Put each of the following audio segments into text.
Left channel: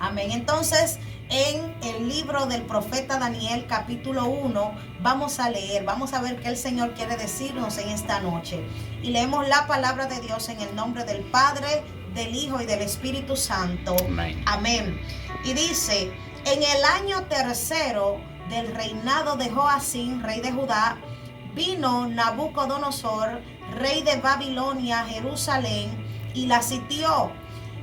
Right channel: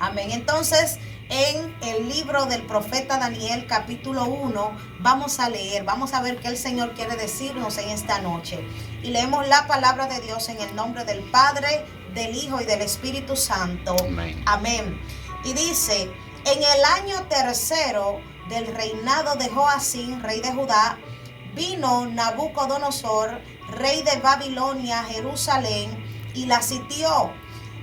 Amén. Entonces, en el libro del profeta Daniel, capítulo 1, vamos a leer, vamos a ver qué el Señor quiere decirnos en esta noche. Y leemos la palabra de Dios en el nombre del Padre, del Hijo y del Espíritu Santo. Amén. Amén. Y dice, en el año tercero del reinado de Joacim, rey de Judá, vino Nabucodonosor, rey de Babilonia, a Jerusalén, y la sitió.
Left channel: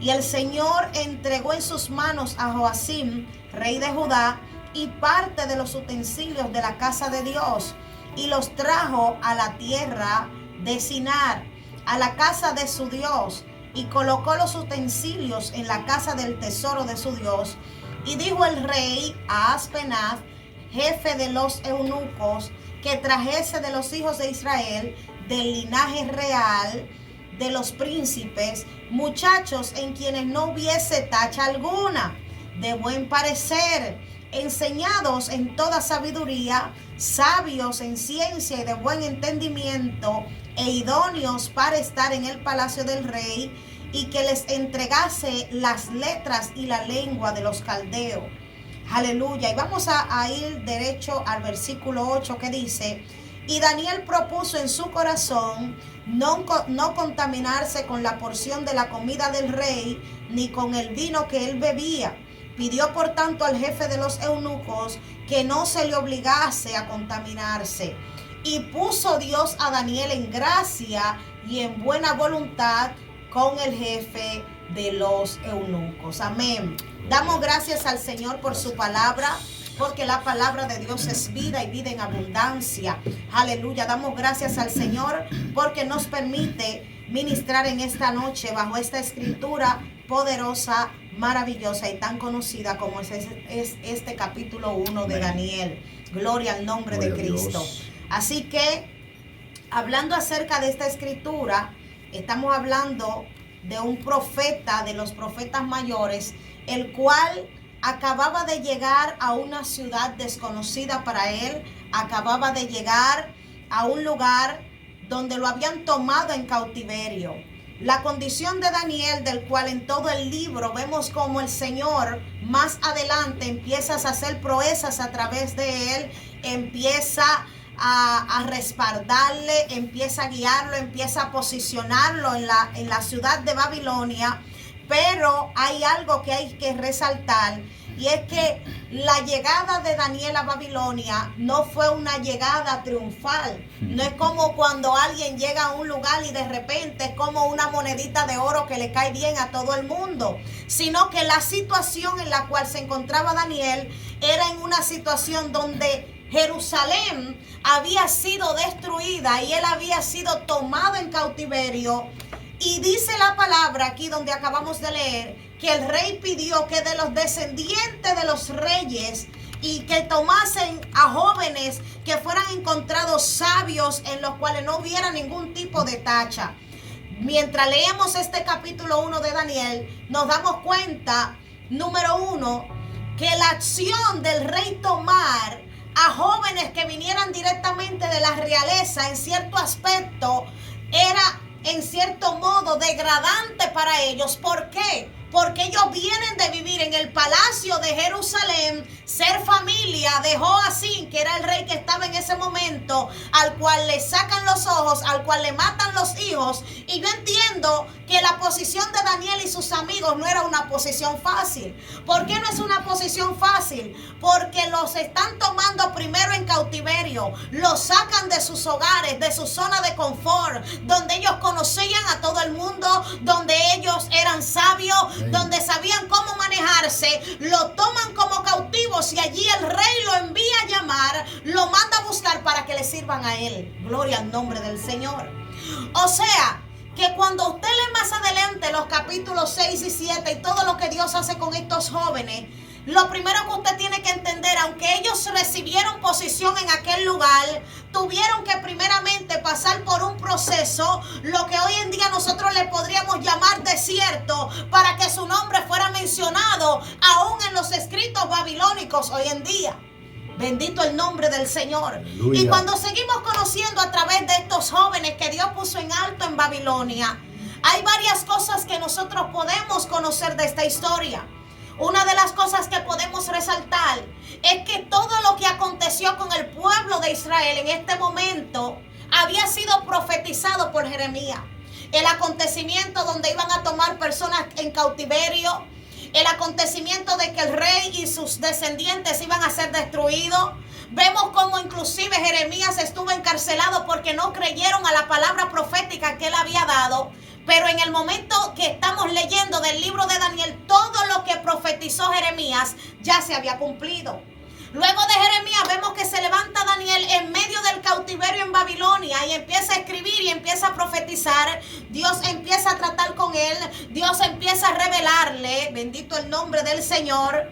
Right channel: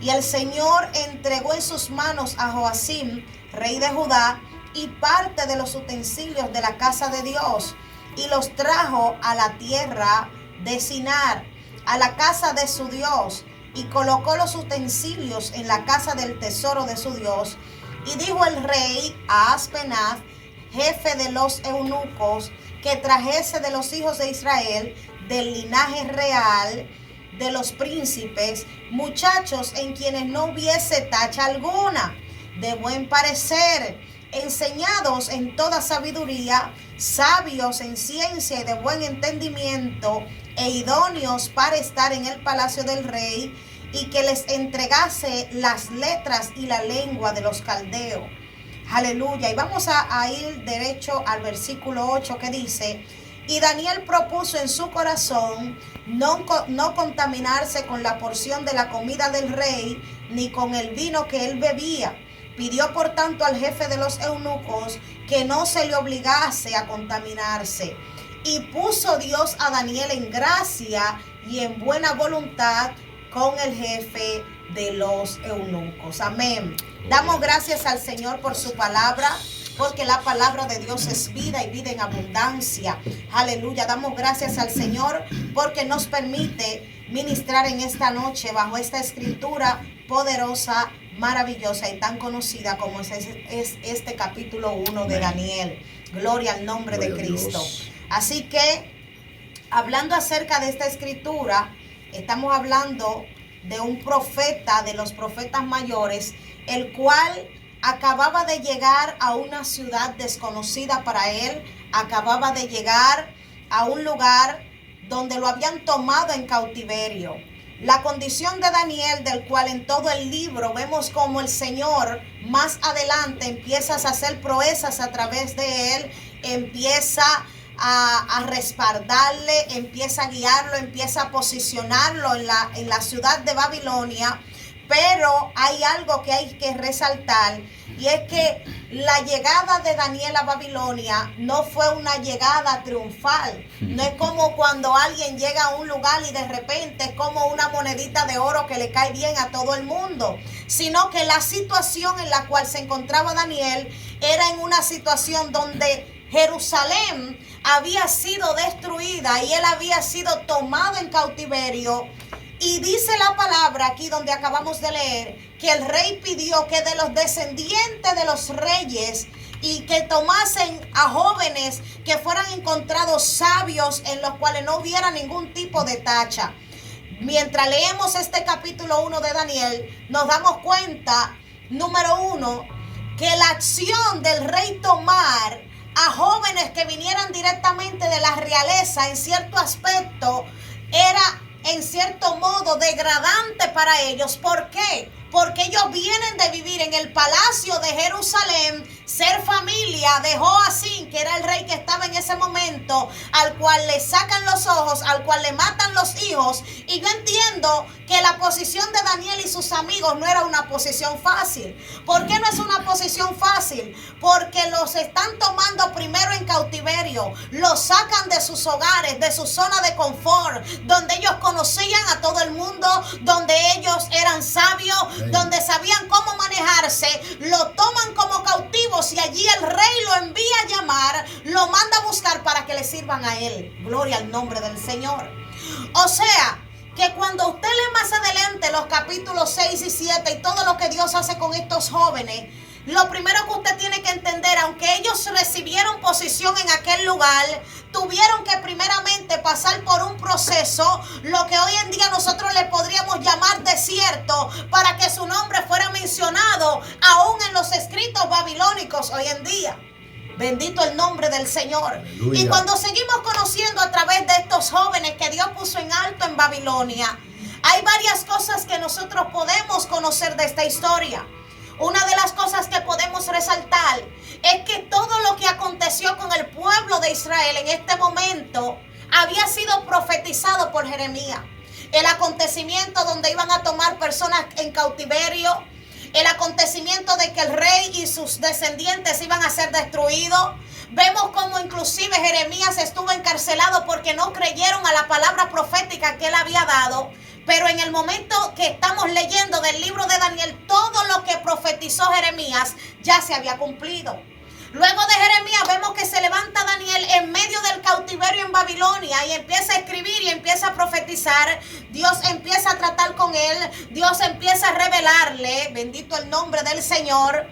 Y el Señor entregó en sus manos a Joacim, rey de Judá, y parte de los utensilios de la casa de Dios, y los trajo a la tierra de Sinar, a la casa de su Dios, y colocó los utensilios en la casa del tesoro de su Dios. Y dijo el rey a Aspenaz, jefe de los eunucos, que trajese de los hijos de Israel, del linaje real, de los príncipes, muchachos en quienes no hubiese tacha alguna, de buen parecer, enseñados en toda sabiduría, sabios en ciencia y de buen entendimiento, e idóneos para estar en el palacio del rey, y que les entregase las letras y la lengua de los caldeos. Aleluya. Y vamos a ir derecho al versículo 8 que dice: y Daniel propuso en su corazón no contaminarse con la porción de la comida del rey, ni con el vino que él bebía. Pidió por tanto al jefe de los eunucos que no se le obligase a contaminarse. Y puso Dios a Daniel en gracia y en buena voluntad con el jefe de los eunucos. Amén. Damos gracias al Señor por su palabra, porque la palabra de Dios es vida y vida en abundancia. Aleluya. Damos gracias al Señor porque nos permite ministrar en esta noche bajo esta escritura poderosa, maravillosa y tan conocida como es este capítulo 1 de Daniel. Gloria al nombre de Cristo. Así que, hablando acerca de esta escritura, estamos hablando de un profeta, de los profetas mayores, el cual acababa de llegar a una ciudad desconocida para él, acababa de llegar a un lugar donde lo habían tomado en cautiverio. La condición de Daniel, del cual en todo el libro vemos como el Señor más adelante empieza a hacer proezas a través de él, empieza a respaldarle, empieza a guiarlo, empieza a posicionarlo en la ciudad de Babilonia. Pero hay algo que hay que resaltar, y es que la llegada de Daniel a Babilonia no fue una llegada triunfal. No es como cuando alguien llega a un lugar y de repente es como una monedita de oro que le cae bien a todo el mundo, sino que la situación en la cual se encontraba Daniel era en una situación donde Jerusalén había sido destruida y él había sido tomado en cautiverio. Y dice la palabra aquí donde acabamos de leer que el rey pidió que de los descendientes de los reyes y que tomasen a jóvenes que fueran encontrados sabios en los cuales no hubiera ningún tipo de tacha. Mientras leemos este capítulo 1 de Daniel, nos damos cuenta, número 1, que la acción del rey tomar a jóvenes que vinieran directamente de la realeza en cierto aspecto era en cierto modo degradante para ellos. ¿Por qué? Porque ellos vienen de vivir en el palacio de Jerusalén, ser familia de Joacim, que era el rey que estaba en ese momento, al cual le sacan los ojos, al cual le matan los hijos. Y yo entiendo que la posición de Daniel y sus amigos no era una posición fácil. ¿Por qué no es una posición fácil? Porque los están tomando primero en cautiverio, los sacan de sus hogares, de su zona de confort, donde ellos conocían a todo el mundo, donde ellos eran sabios, donde sabían cómo manejarse. Lo toman como cautivos y allí el rey lo envía a llamar, lo manda a buscar para que le sirvan a él. Gloria al nombre del Señor. O sea, que cuando usted lee más adelante los capítulos 6 y 7 y todo lo que Dios hace con estos jóvenes, lo primero que usted tiene que entender, aunque ellos recibieron posición en aquel lugar, tuvieron que primeramente pasar por un proceso, lo que hoy en día nosotros le podríamos llamar desierto, para que su nombre fuera mencionado aún en los escritos babilónicos hoy en día. Bendito el nombre del Señor. Aleluya. Y cuando seguimos conociendo a través de estos jóvenes que Dios puso en alto en Babilonia, hay varias cosas que nosotros podemos conocer de esta historia. Una de las cosas que podemos resaltar es que todo lo que aconteció con el pueblo de Israel en este momento había sido profetizado por Jeremías. El acontecimiento donde iban a tomar personas en cautiverio, el acontecimiento de que el rey y sus descendientes iban a ser destruidos. Vemos cómo inclusive Jeremías estuvo encarcelado porque no creyeron a la palabra profética que él había dado. Pero en el momento que estamos leyendo del libro de Daniel, todo lo que profetizó Jeremías ya se había cumplido. Luego de Jeremías vemos que se levanta Daniel en medio del cautiverio en Babilonia y empieza a escribir y empieza a profetizar. Dios empieza a tratar con él, Dios empieza a revelarle, bendito el nombre del Señor.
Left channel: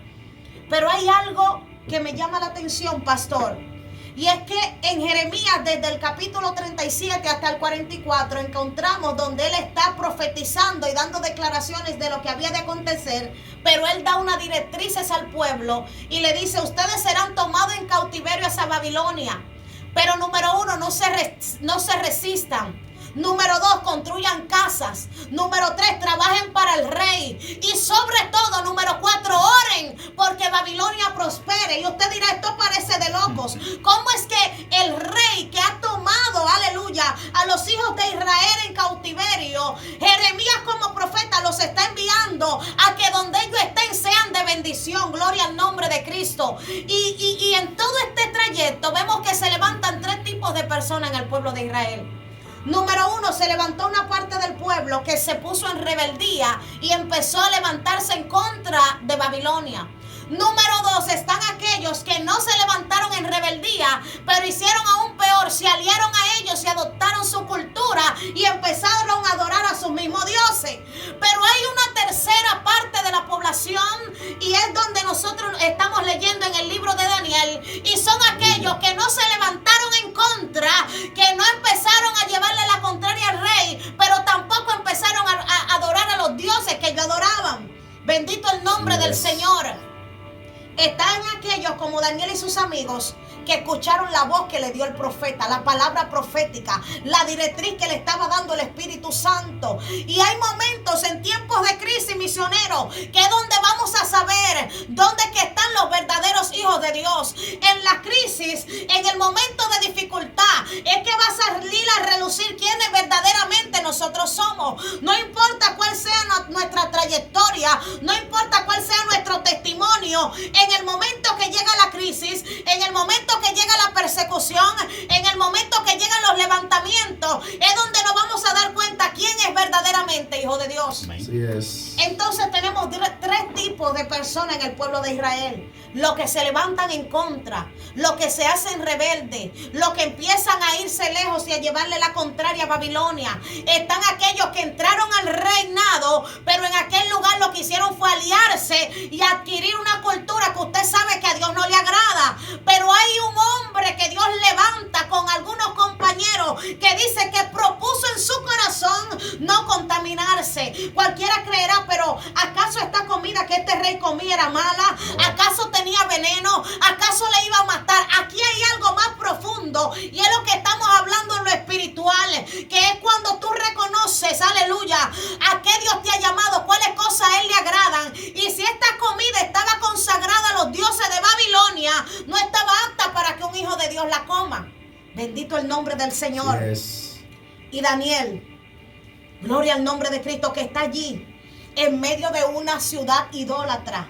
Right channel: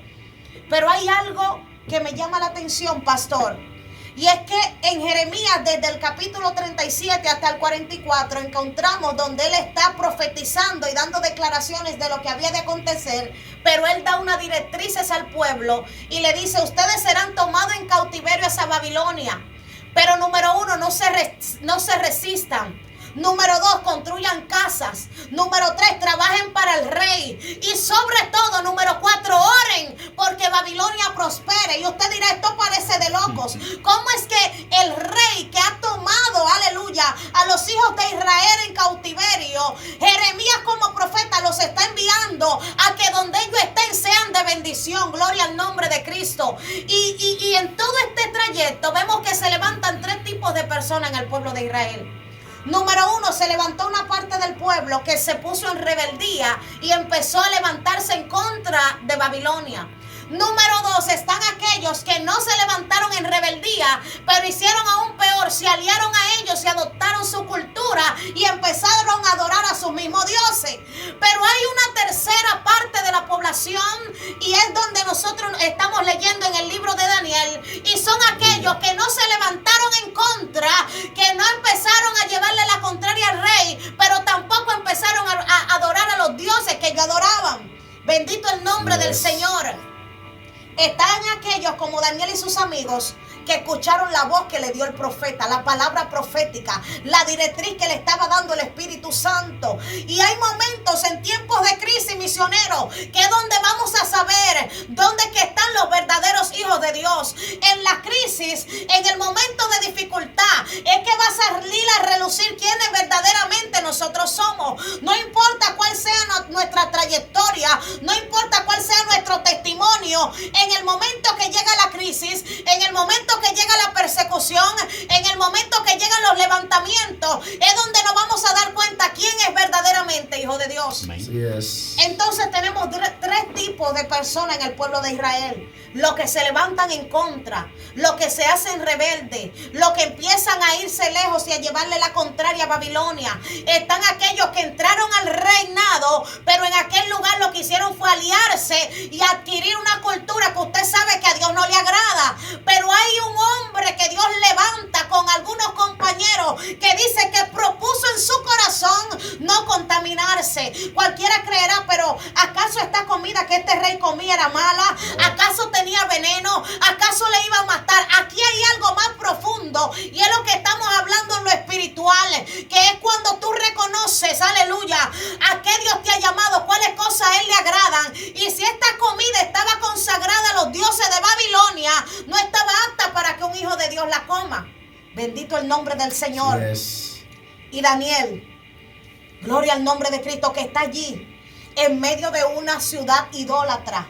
Pero hay algo que me llama la atención, pastor. Y es que en Jeremías, desde el capítulo 37 hasta el 44, encontramos donde él está profetizando y dando declaraciones de lo que había de acontecer. Pero él da unas directrices al pueblo y le dice: ustedes serán tomados en cautiverio hacia Babilonia. Pero número 1, no se resistan. Número 2, construyan casas. Número 3, trabajen para el rey. Y sobre todo, número 4, oren porque Babilonia prospere. Y usted dirá, esto parece de locos. ¿Cómo es que el rey que ha tomado, aleluya, a los hijos de Israel en cautiverio, Jeremías como profeta los está enviando a que donde ellos estén sean de bendición? Gloria al nombre de Cristo. Y en todo este trayecto vemos que se levantan 3 tipos de personas en el pueblo de Israel. Número 1, se levantó una parte del pueblo que se puso en rebeldía y empezó a levantarse en contra de Babilonia. Número 2, están aquellos que no se levantaron en rebeldía, pero hicieron aún peor, se aliaron a ellos y adoptaron su cultura y empezaron a adorar a sus mismos dioses. Pero hay una tercera parte de la población y es donde nosotros estamos leyendo en el libro de Daniel, y son aquellos que no se levantaron en contra, que no empezaron a llevarle la contraria al rey, pero tampoco empezaron a adorar a los dioses que ellos adoraban. Bendito el nombre del Señor. Están aquellos como Daniel y sus amigos que escucharon la voz que le dio el profeta, la palabra profética, la directriz que le estaba dando el Espíritu Santo. Y hay momentos en tiempos de crisis, misioneros, que es donde vamos a saber dónde que están los verdaderos hijos de Dios. En la crisis, en el momento de dificultad, es que va a salir a relucir quiénes verdaderamente nosotros somos. No importa cuál sea nuestra trayectoria, no importa cuál sea nuestro testimonio, en el momento que llega la crisis, en el momento que llega la persecución, en el momento que llegan los levantamientos, es donde nos vamos a dar cuenta quién es verdaderamente hijo de Dios. Así es. Entonces tenemos 3 tipos de personas en el pueblo de Israel: los que se levantan en contra, los que se hacen rebeldes, los que empiezan a irse lejos y a llevarle la contraria a Babilonia. Están aquellos que entraron al reinado, pero en aquel lugar lo que hicieron fue aliarse y adquirir una cultura que usted sabe que a Dios no le agrada. Pero hay un hombre que Dios levanta con algunos compañeros que dice que propuso en su corazón no contaminarse. Cualquiera creerá, pero ¿acaso esta comida que este rey comía era mala? ¿Acaso tenía veneno? ¿Acaso le iba a matar? Aquí hay algo más profundo y es lo que estamos hablando en lo espiritual, que es cuando tú reconoces, aleluya, a qué Dios te ha llamado, cuáles cosas a Él le agradan. Y si esta comida estaba consagrada a los dioses de Babilonia, no estaba apta para que un hijo de Dios la coma. Bendito el nombre del Señor. Yes. Y Daniel, gloria al nombre de Cristo, que está allí en medio de una ciudad idólatra,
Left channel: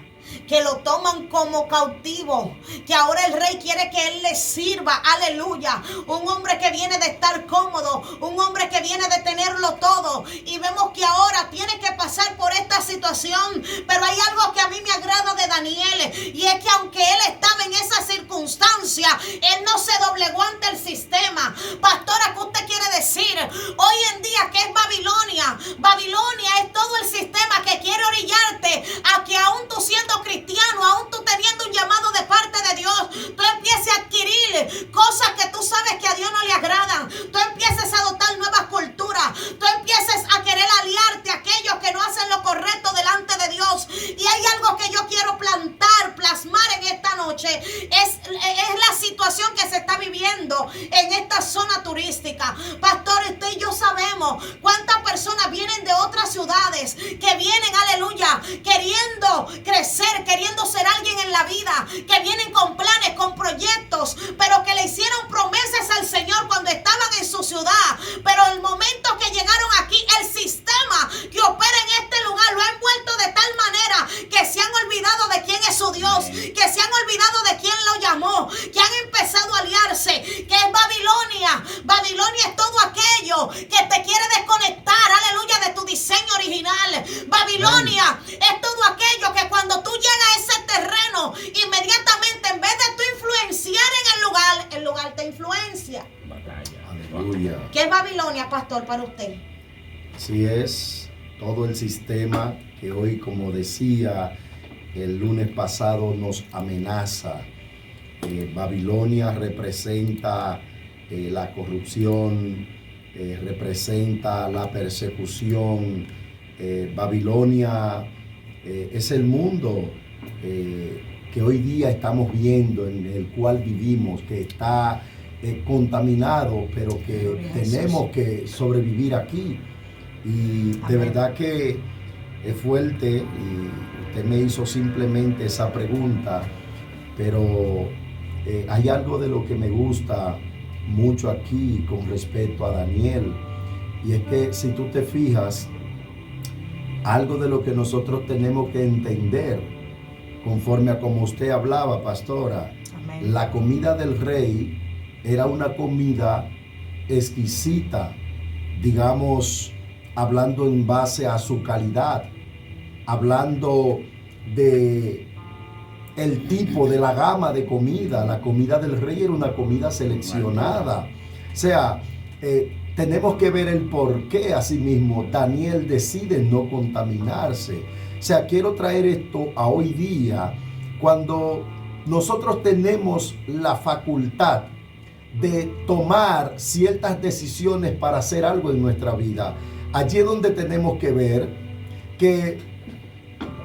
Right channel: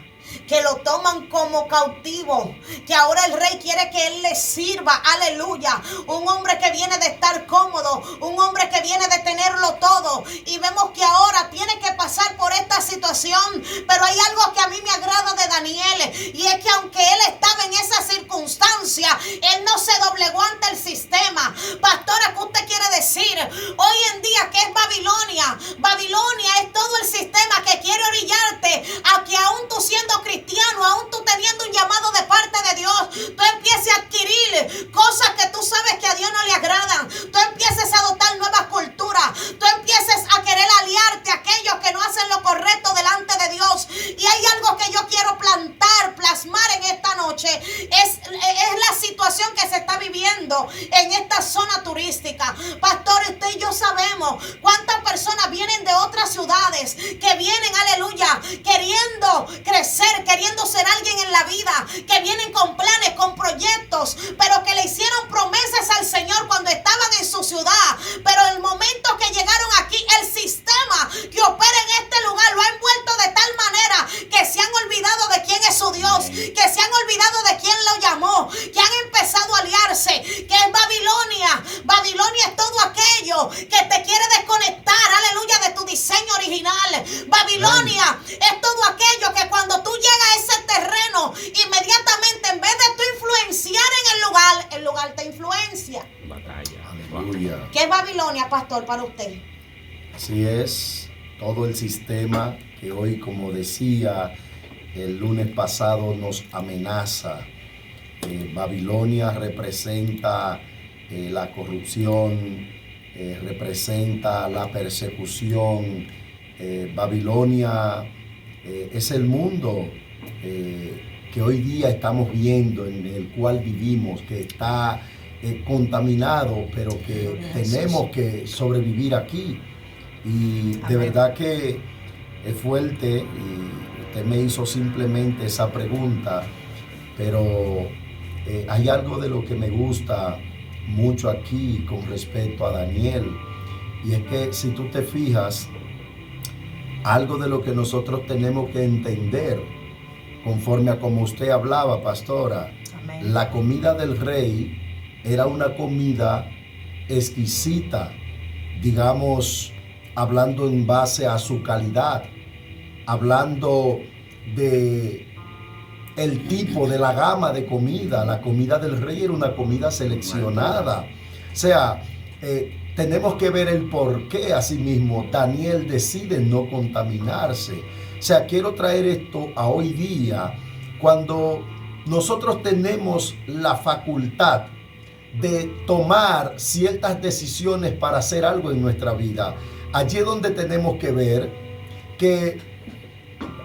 que lo toman como cautivo, que ahora el rey quiere que él le sirva, aleluya. Un hombre que viene de estar cómodo, un hombre que viene de tenerlo todo, y vemos que ahora tiene que pasar por esta situación. Pero hay algo que a mí me agrada de Daniel, y es que aunque él estaba en esa circunstancia, él no se doblegó ante el sistema. Pastora, ¿qué usted quiere decir? Hoy en día, ¿qué es Babilonia? Babilonia es todo el sistema que quiere orillarte a que aún tú siendo cristiano, aún tú teniendo un llamado de parte de Dios, tú empieces a adquirir cosas que tú sabes que a Dios no le agradan. Tú empieces a adoptar nuevas culturas. Tú empieces a querer aliarte a aquellos que no hacen lo correcto delante de Dios. Y hay algo que yo quiero plasmar en esta noche es la situación que se está viviendo en esta zona turística. Pastor, usted y yo sabemos cuántas personas vienen de otras ciudades, que vienen, aleluya, queriendo crecer, queriendo ser alguien en la vida, que vienen con planes, con proyectos, pero que le hicieron promesas al Señor cuando estaban en su ciudad, pero el momento que llegaron aquí, el sistema que opera en este lugar lo ha envuelto de tal manera que se han olvidado de quién es su Dios, que se han olvidado de quién lo llamó, que han empezado a aliarse, que es Babilonia. Babilonia es todo aquello que te quiere desconectar, aleluya, de tu diseño original. Babilonia es todo aquello que cuando tú llegas a ese terreno, inmediatamente en vez de tú influenciar en el lugar te influencia. Aleluya. ¿Qué es Babilonia, pastor, para usted? Así es, todo el sistema que hoy, como decía el lunes pasado, nos amenaza. Babilonia representa la corrupción, representa la persecución. Babilonia es el mundo que hoy día estamos viendo, en el cual vivimos, que está contaminado, pero que tenemos que sobrevivir aquí. Y de verdad que es fuerte, y usted me hizo simplemente esa pregunta, pero hay algo de lo que me gusta mucho aquí con respecto a Daniel, y es que si tú te fijas, algo de lo que nosotros tenemos que entender, conforme a como usted hablaba, pastora, amén, la comida del rey era una comida exquisita, digamos, hablando en base a su calidad, hablando de el tipo, de la gama de comida. La comida del rey era una comida seleccionada. O sea, tenemos que ver el por qué asimismo Daniel decide no contaminarse. O sea, quiero traer esto a hoy día, cuando nosotros tenemos la facultad de tomar ciertas decisiones para hacer algo en nuestra vida. Allí es donde tenemos que ver que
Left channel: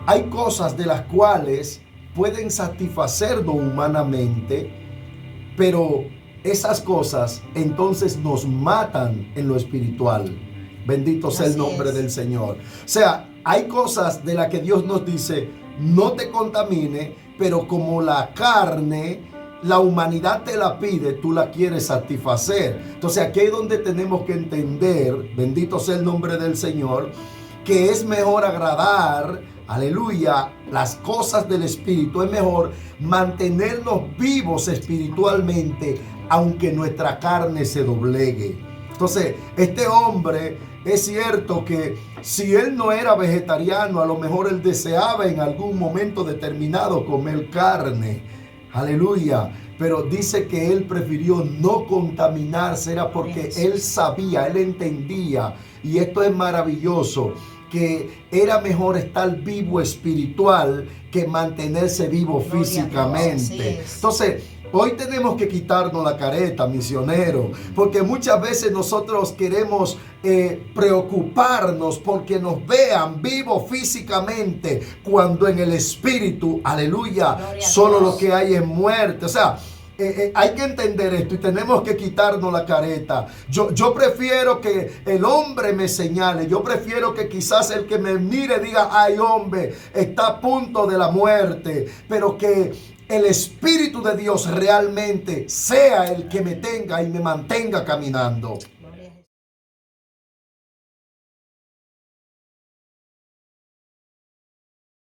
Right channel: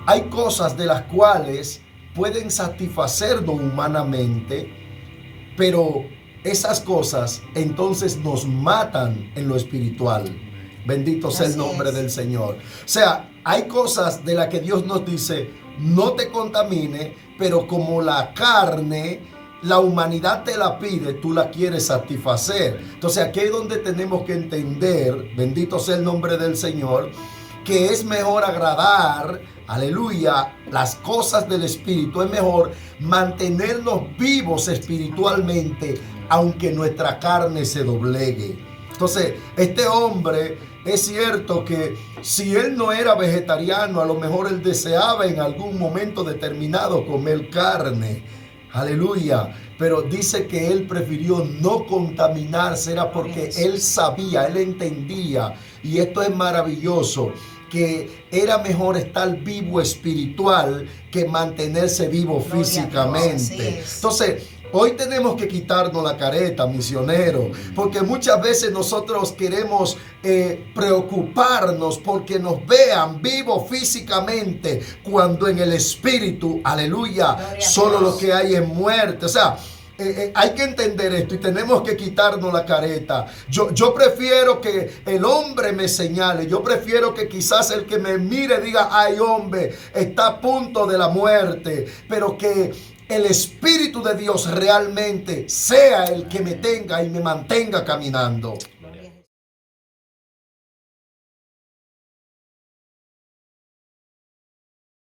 hay cosas de las cuales pueden satisfacernos humanamente, pero esas cosas entonces nos matan en lo espiritual. Bendito sea el nombre del Señor. O sea, hay cosas de las que Dios nos dice, no te contamine, pero como la carne, la humanidad te la pide, tú la quieres satisfacer. Entonces aquí es donde tenemos que entender, bendito sea el nombre del Señor, que es mejor agradar, aleluya, las cosas del Espíritu. Es mejor mantenernos vivos espiritualmente, aunque nuestra carne se doblegue. Entonces, este hombre, es cierto que si él no era vegetariano, a lo mejor él deseaba en algún momento determinado comer carne. Aleluya. Pero dice que él prefirió no contaminarse, era porque él sabía, él entendía, y esto es maravilloso, que era mejor estar vivo espiritual que mantenerse vivo físicamente. Entonces, hoy tenemos que quitarnos la careta, misionero, porque muchas veces nosotros queremos preocuparnos porque nos vean vivos físicamente, cuando en el espíritu, aleluya, solo lo que hay es muerte. O sea, hay que entender esto y tenemos que quitarnos la careta. Yo prefiero que el hombre me señale, yo prefiero que quizás el que me mire diga, ay, hombre, está a punto de la muerte, pero que el Espíritu de Dios realmente sea el que me tenga y me mantenga caminando.